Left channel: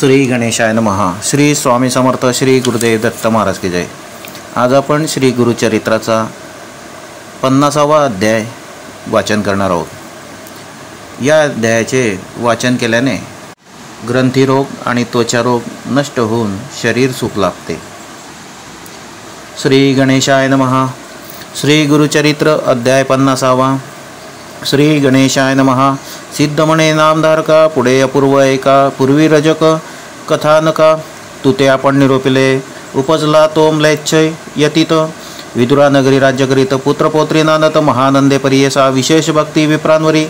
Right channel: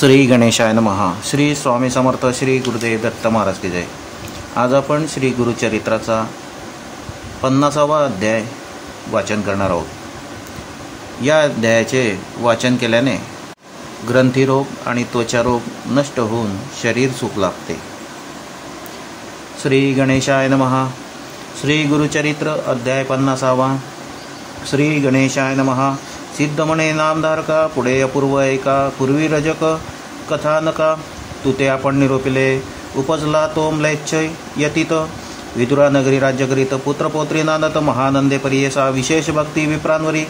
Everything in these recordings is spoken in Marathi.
श्री गणेशाय नमः. श्री स्वामी समर्थ. श्री गुरुदेव दत्त महाराज की जय. आज आपण श्री गुरुचरित्राचा 50वा अध्याय वाचन करणार आहोत. या अध्यायाचे वाचन केल्याने ग्रंथीरोग आणि त्वचारोग नष्ट होऊन शरीर सुख लाभते. श्री गणेशाय नमः. श्री गुरुचरित्र अध्याय 50वा. श्री गणेशाय नमः. सिद्ध म्हणे नामधारका, पुढे अपूर्व एका, पूर्वी रजक कथानका, तू ते आपण निरोपिले, उपजला तो म्लेच्छय यतीत, विदुरा नगरी राज्य करीत, पुत्रपौत्री नानत, महानंदे परियसा, विशेष भक्ती विप्रांवरी,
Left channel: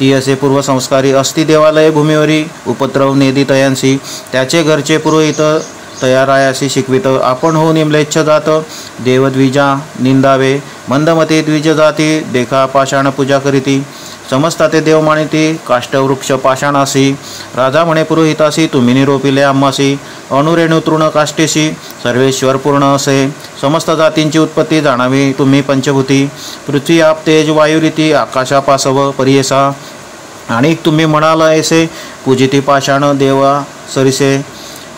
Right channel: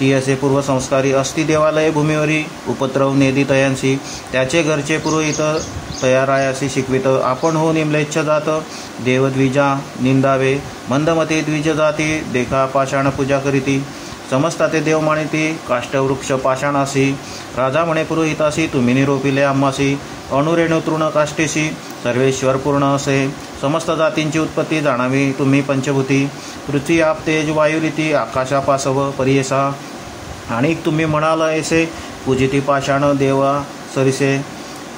ती असे पूर्वसंस्कारी असती देवालय भूमीवरी, उपद्रव नेदी तयांसी, त्याचे घरचे पुरोहित तयारायासी शिकवित, आपण हो निम्लेच्छ जात, देवद्विजा निंदावे, मंदमते द्विज जाती, देखा पाषाण पूजा करीती, समजता ते देव मानिती, काष्टवृक्ष पाषाणासी, राजा म्हणे पुरोहितासी, तुम्ही निरोपिले आम्हासी, अणुरेणू तृण काष्टेशी, सर्वेश्वर पूर्ण असे, समस्त जातींची उत्पत्ती जाणावी तुम्ही पंचभूती, पृथ्वी आप तेज वायुरीती, आकाशापासव परियसा, आणि तुम्ही म्हणाल ऐसे, पूजिती पाषाण देवा सरिसे,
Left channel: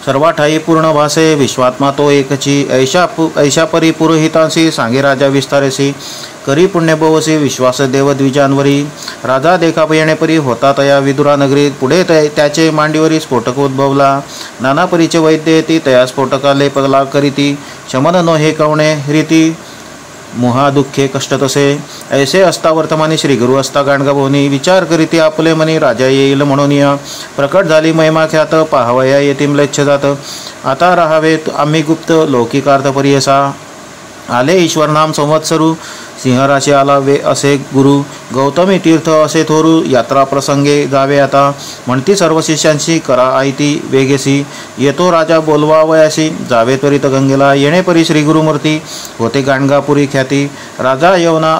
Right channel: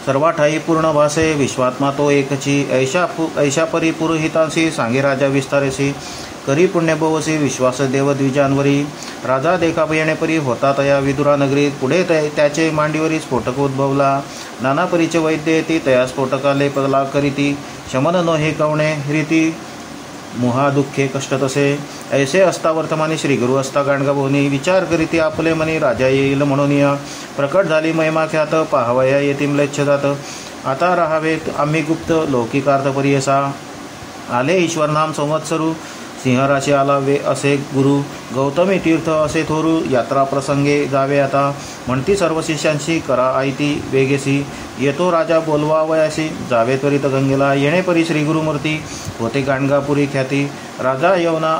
सर्वाठाई पूर्ण भासे, विश्वात्मा तो एकची, ऐशा परी पुरोहितांशी, सांगे राजा विस्तारेसी, करी पुण्य भवसी, विश्वास देव द्विजांवरी, राजा देखा येणे परी, होता तया विदुरा नगरीत, पुढे त्याचे मांडीवरी स्फोटक उद्भवला, नाना परीचे वैद्य येती, तया स्फोटका लेपला करीती, शमन न हे कवणे रीती, मोहा दुःखे कष्ट तसे, ऐसे असता वर्तमानी श्री गुरु असता गाणगा भोवनी, विचार करीती आपले मनी, राजा येईल म्हणून या, प्रकट झाली महिमा ख्यात, पाहावया येती म्लेच्छ जात, आता राहावेत आम्ही गुप्त, लौकिकार्थ परियसा, आले ईश्वर नाम संवत्सरू, सिंहराशी आला वे असे गुरु, गौतमी तीर्थ असे थोरू, यात्रा प्रसंगे जावे आता, म्हणती सर्व शिष्यांशी, करा आयती वेगेसी, येतो राजा बोलवावयासी, जावे त्वरित गंगेला, येणेपरी श्री गुरुमूर्ती, होते गाणगापुरी ख्याती, राजा यवना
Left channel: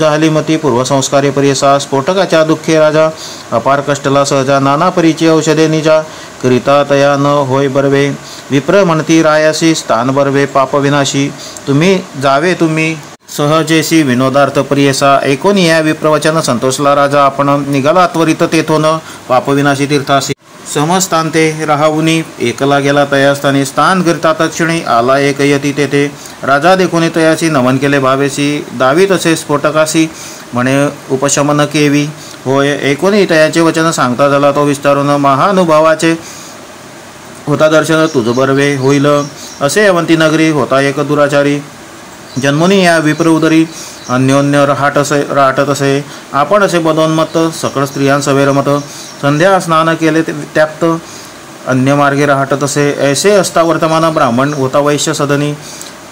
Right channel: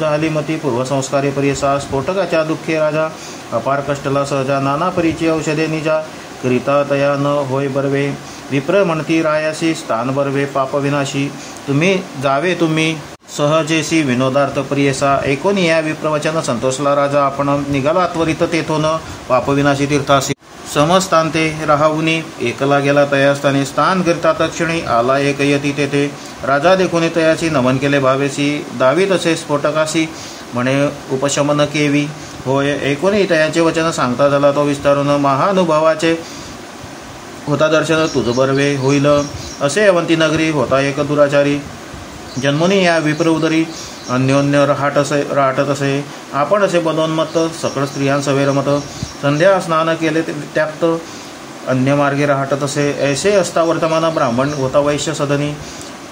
झाली मती, पूर्वसंस्कारे परियसा, स्फोटकाच्या दुःखे राजा, अपार कष्टला सहजा, नाना परीची औषधे निजा, करिता तया न होय बर्वे, विप्र म्हणती रायासी, स्थान बर्वे पाप विनाशी, तुम्ही जावे तुम्ही सहजेसी, विनोदार्थ प्रियसा, ऐकून या विप्रवचन संतोषला राजा, आपण निघाला त्वरित तेथून पापविनाशी तीर्थासी, समस्तांते राहावुनी, एकला गेला तयास्थानी, स्थान करिता तक्षणी, आला एक यती तेथे, राजा देखुनी तयासी, नमन केले भावेसी, दावी तसे स्फोटकासी, म्हणे उपशमन केवी, होय ऐकून तयाचे वचन सांगता झाला तो विस्तारून, महानुभावाचे होता दर्शन तुझ बर्वे होईल, असे अवंती नगरी होता एक दुराचारी, जन्मोनी या विप्र उदरी, अन्योन्य राहटत असे, आपण असे बदोन्मत्त, सकळ स्त्रियांसवे रमत, संध्या स्नान केले त्याप्त, अन्य मार्गे राहटत असे, ऐसे असता वर्तमान, ब्राह्मण होता वैश्य सदनी,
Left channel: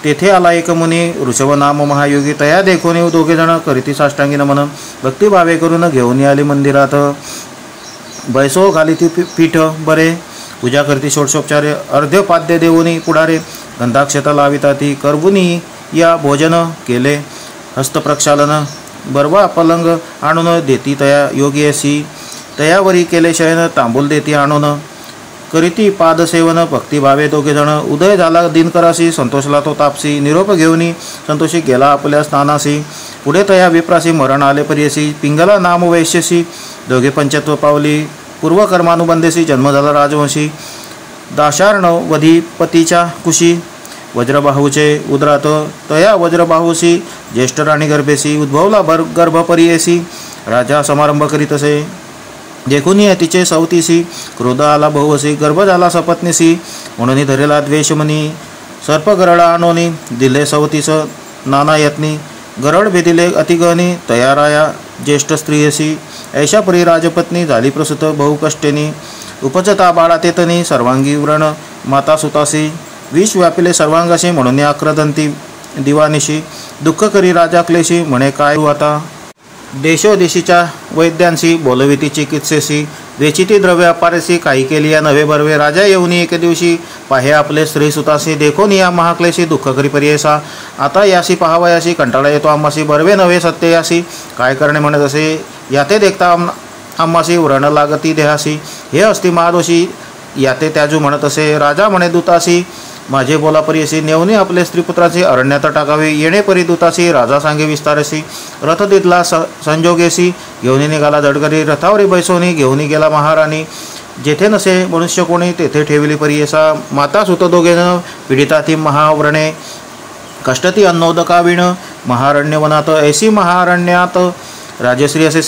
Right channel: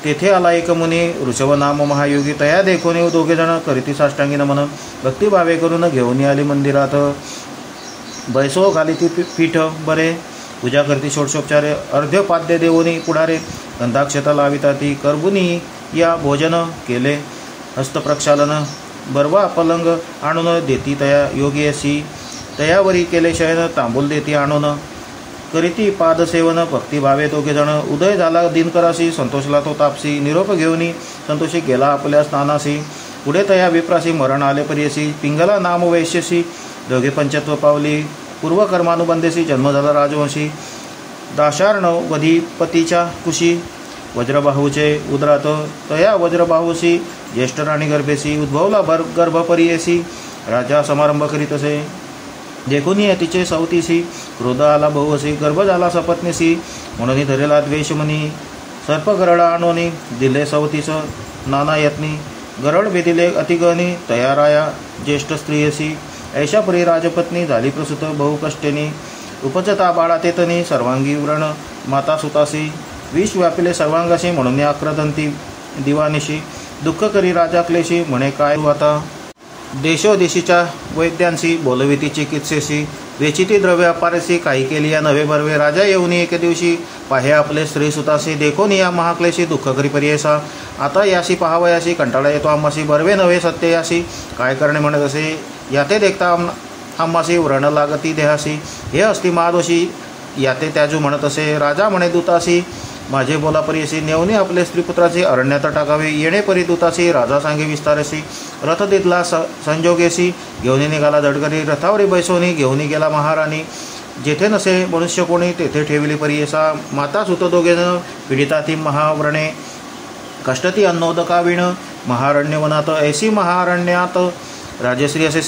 तेथे आला एक मुनी, ऋषभ नाम महायोगी, तया देखोनी दोघे जण, करीती साष्टांगी नमन, भक्तिभावे करून घेऊन आली मंदिरात, बैसो घाली ती पीठ बरे, पूजा करती षोडशोपचारे, अर्ध्यपाद्य देवोनी पुढारे, गंधाक्षता लाविता ती, करबुनी या भोजन केले, हस्तप्रक्षालन, बरवा पलंग आणून देती तया योगी असी, तयावरी केले शयन, तांबूल देती आणून, करीती पादसेवन, भक्तिभावे दोघे जण, उदय झाला दिनकरासी, संतोषला तो तापसी, निरोप घेऊनी संतोषी गेला आपल्या स्थानासी, पुढे तया विप्रासी, मरण आले परियसी, पिंगला नाम वैश्यसी, दोघे पंचत्व पावली, पूर्वकर्मानुबंधेसी, जन्म झाला राजवंशी, दाशार्ण वधीपतीच्या कुशी, वज्रबाहूचे उदरात, तया वज्रबाहूसी, ज्येष्ठ राणी गर्भेसी, उद्भवला गर्भ परियेसी, राजा समारंभ करीत असे, देखून तिचे सवतीसी, क्रोध आला बहुअसी, गर्भ झाला सपत्नीसी, म्हणून धरेला द्वेषमनी, सर्प गरडा आणोनी, दिले सवतीस नाना यत्नी, गरड भेदिले अतिगहनी, तयाराया ज्येष्ठ स्त्रियसी, ऐशापुरी राजपत्नी, झाली प्रसूत बहुकष्टेनी, उपजता बाळा तेतनी, सर्वांगी व्रण माता सुतासी, विष व्यापिले सर्वांगाशी, म्हणून आक्रदंती दिवानिशी, दुःख करी राजा क्लेशी, म्हणे काय आता, देशोदेशीच्या वैद्यांशी, बोलविती चिकित्सेशी, वेचिती द्रव्य अपारेसी, काही केली या नवे बर्वे, राजा येऊनी एके दिवशी, पाहे आपले स्त्री सुतासी, देखोन या महाक्लेशी, दुःख करी परियसा, आता यासी पाहावयासी, कंटाळा येतो आम्हासी, बर्वे नव्हे सत्य यासी, काय करणे म्हणत असे, याते देखता आम्हासी, व्रण लागती देहासी, हे असती महादोषी, याते त्याजू म्हणत असे, राजा म्हणे दूतासी, माझे बोला परियसी, नेवनी आपले स्त्रीपुत्राचे अरण्यात टाकावे, येणे परी दूतासी, राजा सांगे विस्तारसी, रथ दितला संजोगेसी, घेऊनी निघाला जडकरी, रथावरी बैसोनी, घेऊनी गेला महाराणी, जेथे नसे मनुष्य कोणी तेथे ठेवली परियसा माता सुत दोघेजण पीडिता ती महाव्रणे कष्टती अन्नोदका विण महारण्यवनात ऐसी महारण्यात राजश्री असे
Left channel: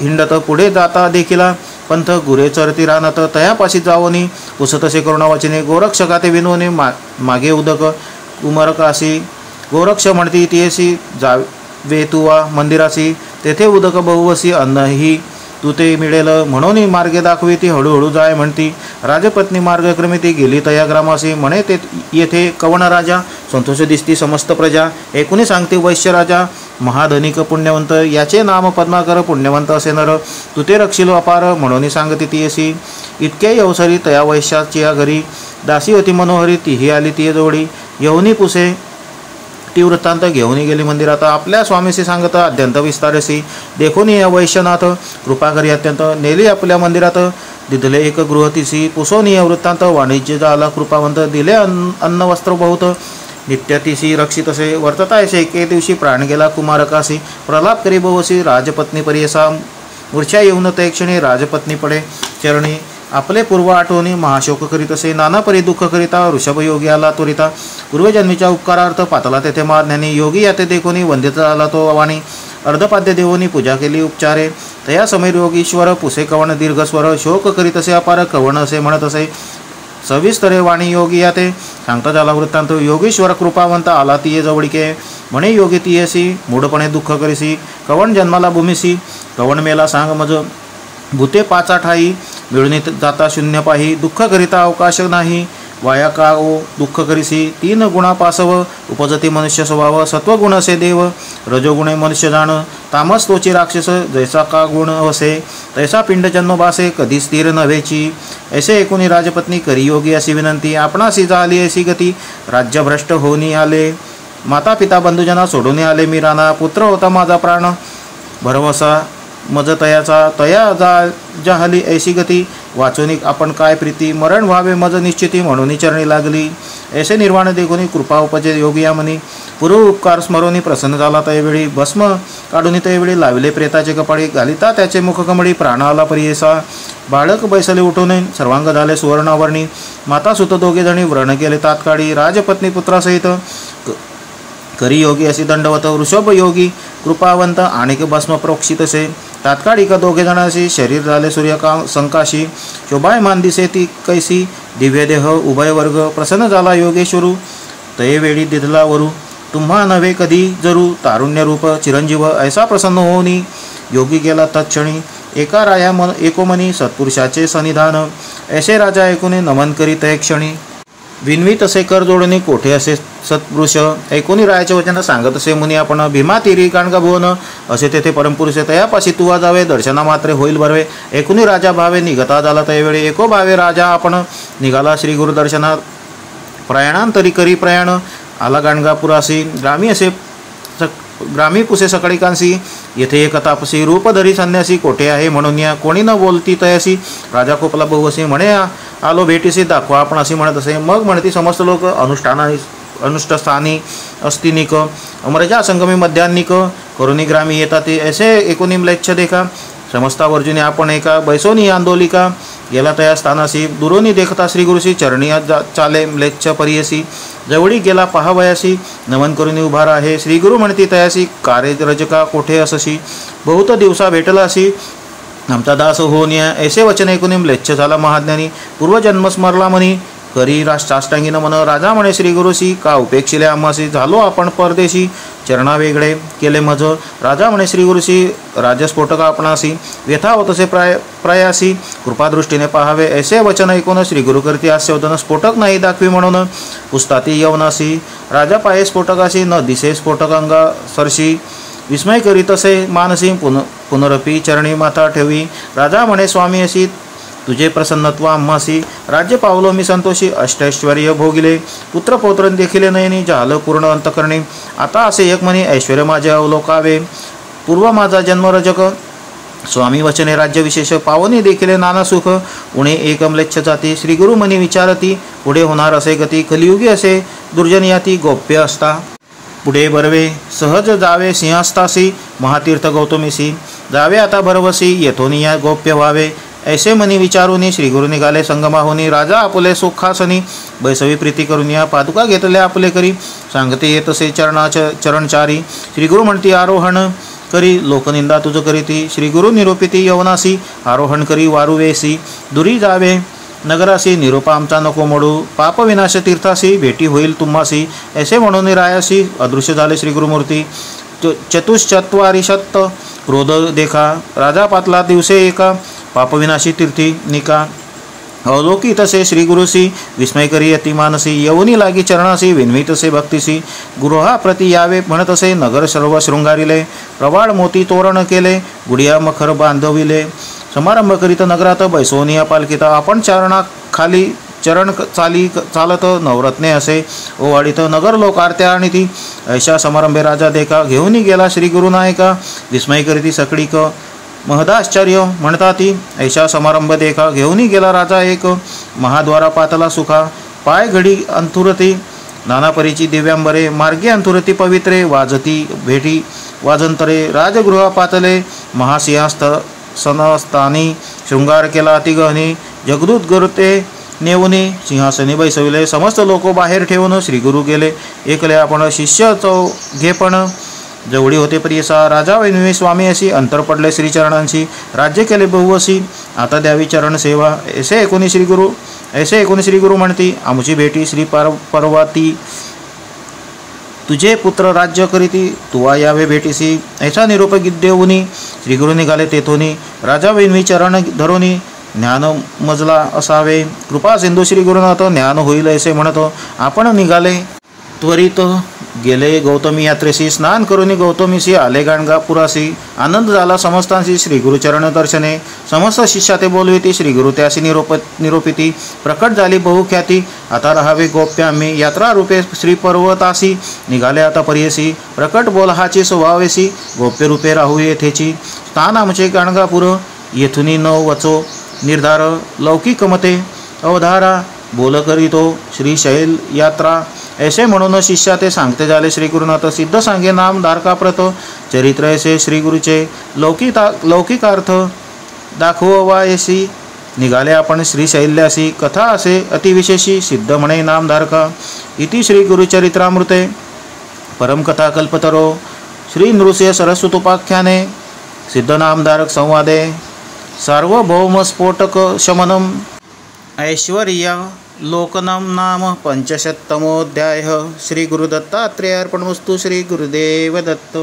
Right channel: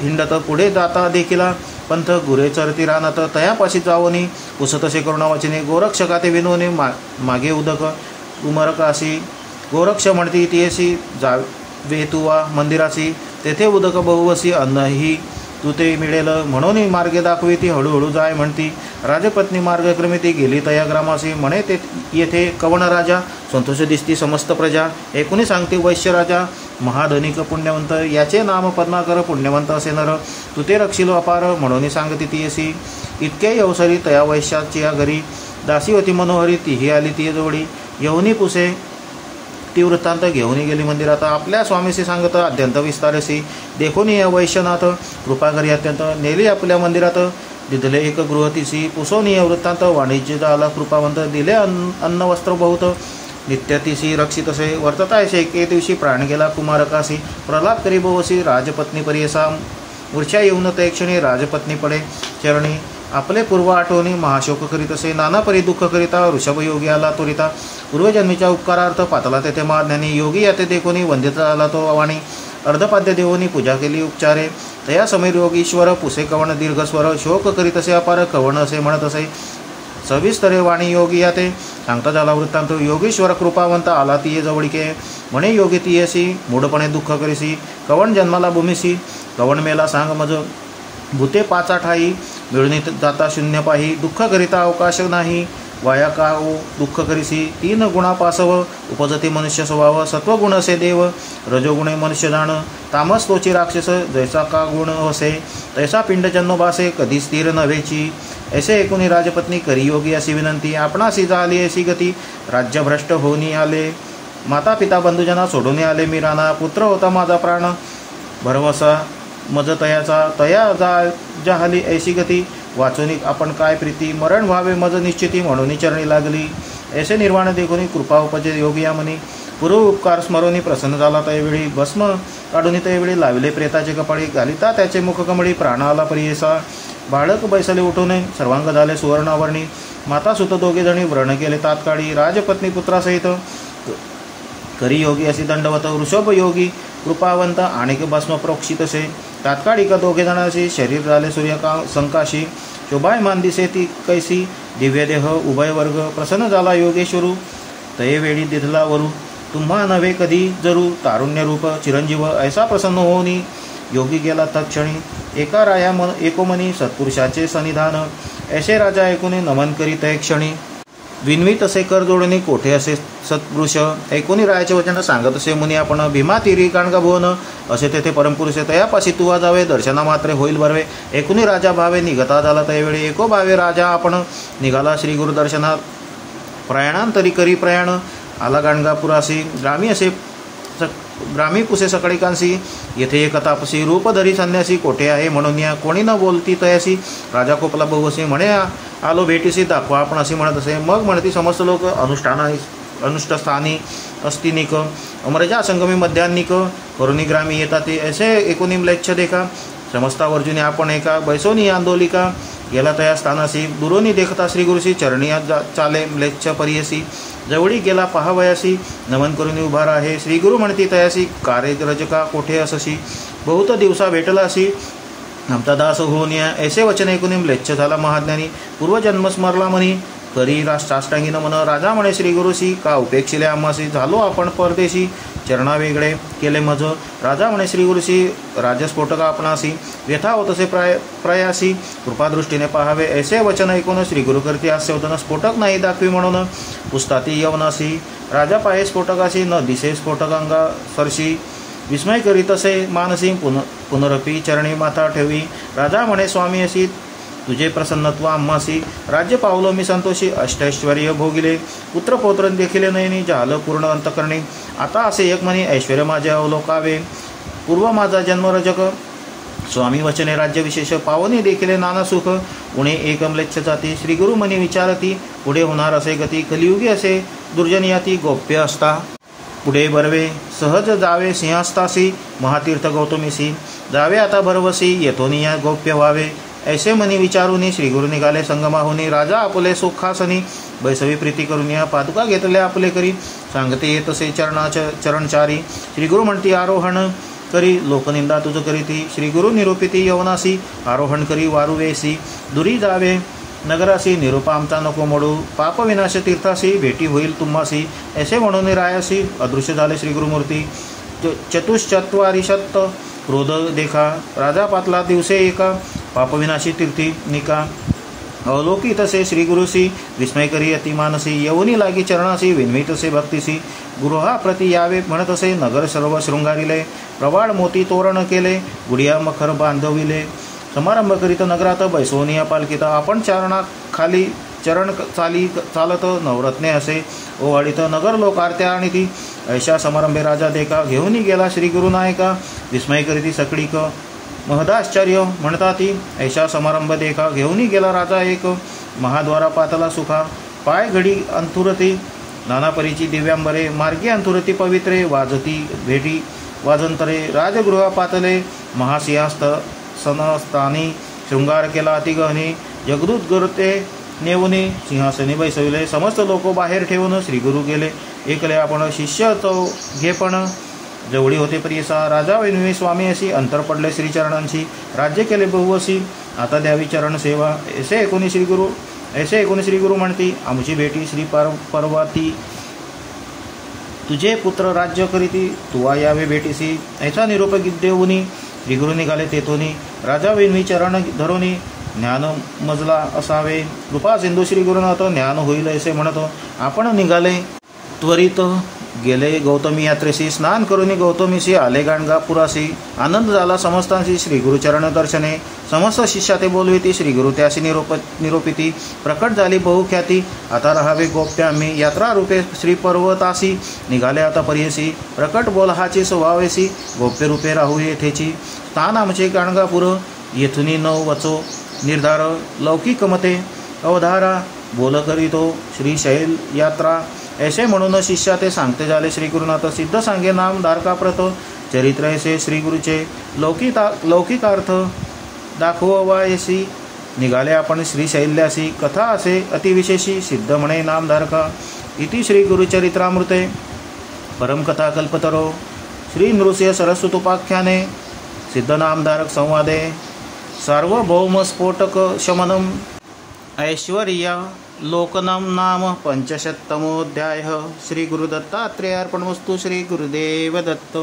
हिंडत पुढे जाता देखील पंथ गुरे चरती राहत तयापाशी जावनी पुसतसे करुणावचने गोरक्षका ते विनोने मागे उदक कुमरकासी गोरक्ष म्हणती तियसी जावे तुवा मंदिरासी तेथे उदक बहुवसी अन्नही तू ते मिळेल म्हणून मार्गे दाखवी ती हळूहळू जाय म्हणती राजपत्नी मार्गक्रमे ती गेली तया ग्रामासी म्हणे ते येथे कवण राजा संतोष दिसती समस्त प्रजा एकूणी सांगते वैश्य राजा महाधनिक पुण्यवंत याचे नाम पद्माकर पुण्यवंत असे नर तू ते रक्षिलो अपार म्हणून सांगते ती अशी इतके अवसरी तया वैश्याची घरी दासी होती मनोहरी तीही आली ती जोडी यवनी पुसे ती वृत्तांत घेऊन गेली मंदिरात आपल्या स्वामीशी सांगत अत्यंत विस्तारसी देखून या वैश्यनाथ कृपा करी अत्यंत नेली आपल्या मंदिरात दिदले एक गृहतीसी पुसोनी या वृत्तांत वाणिज्य झाला कृपावंत दिले अन्न वस्त्र बहुत नित्यतीसी रक्षित असे वर्ततायसे एके दिवशी प्राण गेला कुमारकासी प्रलाप करी बहुसी राजपत्नी परियसा मूर्छा येऊन ते क्षणी राजपत्नी पडे चरणी आपले पूर्व आठवणी महाशोक करीत असे नाना परी दुःख करिता ऋषभ योगी आला त्वरिता पूर्वजन्मीच्या उपकारार्थ पातला तेथे महाज्ञानी योगी याते देखोनी वंदित आला तो वाणी अर्धपाद्य देवोनी पूजा केली उपचारे तया समीर योगीश्वर पुसे कवण दीर्घस्वर शोक करीत असे अपार कवण असे म्हणत असे सविस्तरे वाणी योगी याते सांगता झाला वृत्तांत योगीश्वर कृपावंत आला तिये जवळीके म्हणे योगी तियेसी मूढपणे दुःख करीसी कवण जन्माला भूमिसी कवण मेला सांग मज भूते पाचा ठाई मिळून जाता शून्य पाही दुःख करिता अवकाश नाही वाया का ओ दुःख करीसी तीन गुणा पासव उपजती मनुष्य स्वभाव सत्वगुण असे देव रजोगुणे मनुष्य जाण तामस तोची राक्षस जैसा का गुण असे तैसा पिंड जन्म बासे कधी स्थिर नव्हेची ऐसे एकूणी राजपत्नी करी योगी अशी विनंती आपणासी झाली अशी गती राज्यभ्रष्ट होऊनी आले माता पिता बंधुजना सोडून आले मी राणा पुत्र होता माझा प्राण भरवसा मज तयाचा तया जाहली ऐशी गती वाचून आपण काय प्रीती मरण व्हावे मज निश्चिती म्हणून चरणी लागली ऐसे निर्वाण देखुनी कृपा उपजे योगी या म्हणी पूर्व उपकार स्मरोनी प्रसन्न झाला तैवेळी भस्म काढून तैवेळी लावले प्रेताचे कपाळी घालिता त्याचे मुखकमळी प्राण आला परियसा बाळक बैसले उठून सर्वांग झाले सुवर्णावरणी माता सुत दोघे जणी व्रण केले तात्काळी राजपत्नी पुत्रासहित करी योगी अशी दंडवत वृषभ योगी कृपावंत आणिक भस्म प्रोक्षितसे तात्काळिक दोघे जणांशी शरीर झाले सूर्यका संकाशी शोभायमान दिसे ती कैसी दिव्य देह उभय वर्ग प्रसन्न झाला योगेश्वरू तये वेळी दिधला वरू तुम्हा नव्हे कधी जरू तारुण्य रूप चिरंजीव ऐसा प्रसन्न होऊनी योगी गेला तत्क्षणी एका राया मन एकोमनी सत्पुरुषाचे सन्निधान ऐसे राजा ऐकूने नमन करीत एक क्षणी विनवी तसे कर जोडणी कोठे असे सत्पुरुष ऐकूनी रायाचे वचन सांगत असे मुनी आपण भीमा तिरी काणगा भुवन असे तेथे परमपुरुष तयापाशी तुवा जावे दर्शना मात्रे होईल बरवे ऐकूनी राजा भावे निघता झाला तयावेळी एको भावे राजा आपण निघाला श्री गुरु दर्शना प्रयाणांतरी करी प्रयाण आला गाणगापुरासी ग्रामी पुसे सकळिकांसी येथे एक तापसी रूपधरी संन्यासी कोठे आहे म्हणून या कोणी न बोलती तयासी राजा कोपला बहुवसी म्हणे आलो भेटीसी दाखवा आपण असे म्हणत असे मग म्हणती समस्त लोक अनुष्ठस्थानी अस्तिनिक अमरजा संगमी मध्यान्निक करुणी ग्रामी येतात ऐसे एकोणी म्लेच्छ देखा समस्तावर्जुने आपण एका बैसोनी आंदोलिका गेला तया स्थानासी दुरोनी देखता श्री गुरुसी चरणी चाले म्लेच्छ परियसी जवळी गेला पहावयासी नमन करून उभा आहे श्री गुरु म्हणती तयासी कार्य रजका कोठे असशी बहुत दिवसा भेटला असी आमचा दास होऊन या ऐसे वचन ऐकून म्लेच्छ झाला महाज्ञानी पूर्वजन्म स्मरला म्हणी करी राष्ट्राष्टांगी नमन राजा म्हणे श्री गुरुसी का उपेक्षिले आम्हासी झालो आपण परदेशी चरणा वेगळे केले मज राजा म्हणे श्री गुरुसी राजस्फोटक आपणासी व्यथा होत असे प्रयासी कृपादृष्टीने पाहावे ऐसे वचन ऐकून श्री गुरु करती हास्यवदन स्फोटक नाही दाखवी म्हणून पुस्ताती यवनासी राजा पाये स्फोटकासी न दिसे स्फोटक अंगा सरशी विस्मय करीत असे मानसी पुनरपी चरणी माथा ठेवी राजा म्हणे स्वामी अशी तुझे प्रसन्नत्व आम्हासी राज्य पावलो मी संतोषी अष्टैश्वर्य भोगिले पुत्र पौत्र देखिले नयनी झालं पूर्ण अंतकरणी आता असे एक म्हणे ऐश्वर्य माझे अवलोकावे पूर्व माझा जन्मरजक स्वामी वचने राज्य विशेष पावनी देखिले नाना सुख उणे एकमलेच्छ जाती श्री गुरु मनी विचारती पुढे होणार असे गती कलियुगी असे दुर्जनियाती गोप्य असता पुढे बरवे सहज जावे सिंहास्तासी महातीर्थ गौतमीसी जावे आता भरवसी येथोनी या गोप्य व्हावे ऐसे मनी विचारुनी श्री गुरु निघाले संगमाहुनी. राजा आपले सुखासनी बैसवी प्रीती करून या पादुका घेतल्या आपले करी. सांगते येतसे चरणचारी श्री गुरु म्हणती आरोहण करी. लोकनिंदा तुझ करीती श्री गुरु निरोपिती यवनासी. आरोहण करी वारुवेसी दुरी जावे नगरासी. निरोपा आमचा नको मोडू पाप विनाश तीर्थासी. भेटी होईल तुम्हासी ऐसे म्हणून रायासी. अदृश्य झाले श्री गुरुमूर्ती चतुश्चत्वारिशत क्रोध देखा. राजा पातला दिवसे एका पापविनाशी तीर्थी निका. अवलोकी तसे श्री गुरुसी विस्मय करी अति मानसी. यवनी लागी चरणासी विन्वी तसे भक्तीसी. गृहा प्रति यावे म्हणतसे नगर सर्व शृंगारिले. प्रवाळ मोती तोरण केले गुडिया मखर बांधविले. समारंभ करीत नगरात बैसोनिया पालखीत. आपण चरणा खाली चरण चालत नवरत्ने असे ओवाळीत. नगर लोक आरत्या आणि ती ऐशा समारंभे राजा देखा. घेऊन गेला श्री गुरुनायका विस्मय करीती सकळीक. महदाश्चर्य म्हणता ती ऐशा समारंभ देखा. घेऊन गेला राजा एक महाद्वारा पातला सुखा. पाय घडी अंथुरती नाना परीची दिव्यांबरे. मार्गी अंथुरती पवित्रे वाजती भेटी वाजंतरे. राजगृह पातले महासिंहास्त सनस्थानी. शृंगार केला अतिगहनी. जगदूत गरुते नेऊनी सिंहासनी बैसविले. समस्त लोक बाहेर ठेवून श्री गुरु गेले एकले आपण. शिष्य चौघेपण जवळी होते प्रियसा. राजा वैन्वी स्वामी अशी. अंतर पडले श्रीचरणांशी. राज्य केले बहुवसी आता द्यावी चरण सेवा. ऐसे ऐकोनी श्री गुरु म्हणती आमची भेटी श्री पर्वती. तुझे पुत्र राज्य करीती तुवा यावे भेटीसी. ऐसा निरोप देऊनी श्री गुरु निघाले तेथोनी. राजा वैन्वी चरण धरोनी ज्ञान मजला असावे. कृपा सिंधू श्री गुरुनाथ ज्ञान होईल ऐसे म्हणत आपण निघाले त्वरित गेले गौतमी यात्रेसी. स्नान करून गौतमीशी आले गाणगापुरासी. आनंद झाला समस्तांशी श्री गुरुचरण दर्शने. समस्त शिष्या ते बोलविती श्री गुरु त्याशी निरोपिती. प्रकट झाली बहुख्याती आता राहावे गोप्य आम्ही. यात्रा रूपे श्री पर्वतासी निघाले आता परियसी. प्रकट बोल हाची स्वभावेसी गोप्य रूपे राहू येथेची. स्थान आमचे गाणगापूर येथुनी न वचो निर्धार. लौकिक मते अवधारा बोल करीतो श्रीशैल यात्रा. ऐसे म्हणून शिष्या ते सांगते झाले श्री गुरुनाथ. सिद्ध सांगे नाम धारकाप्रत चरित्र ऐसे श्री गुरुचे. लौकिकार्थ दाखवायसी निघाले आपण श्रीशैल्यासी. कथा असे अतिविशेषी सिद्ध म्हणे नामधारका. इति श्री गुरुचरित्रामृते परमकथा कल्पतरो श्री नृसिंह सरस्वतोपाख्याने सिद्ध नामधारक संवादे सार्वभौम स्फोटक शमनम ऐश्वर्या लोकनम नाम 500तमोऽध्यायः. श्री गुरुदत्तात्रेयार्पणमस्तु. श्री गुरुदेव दत्त.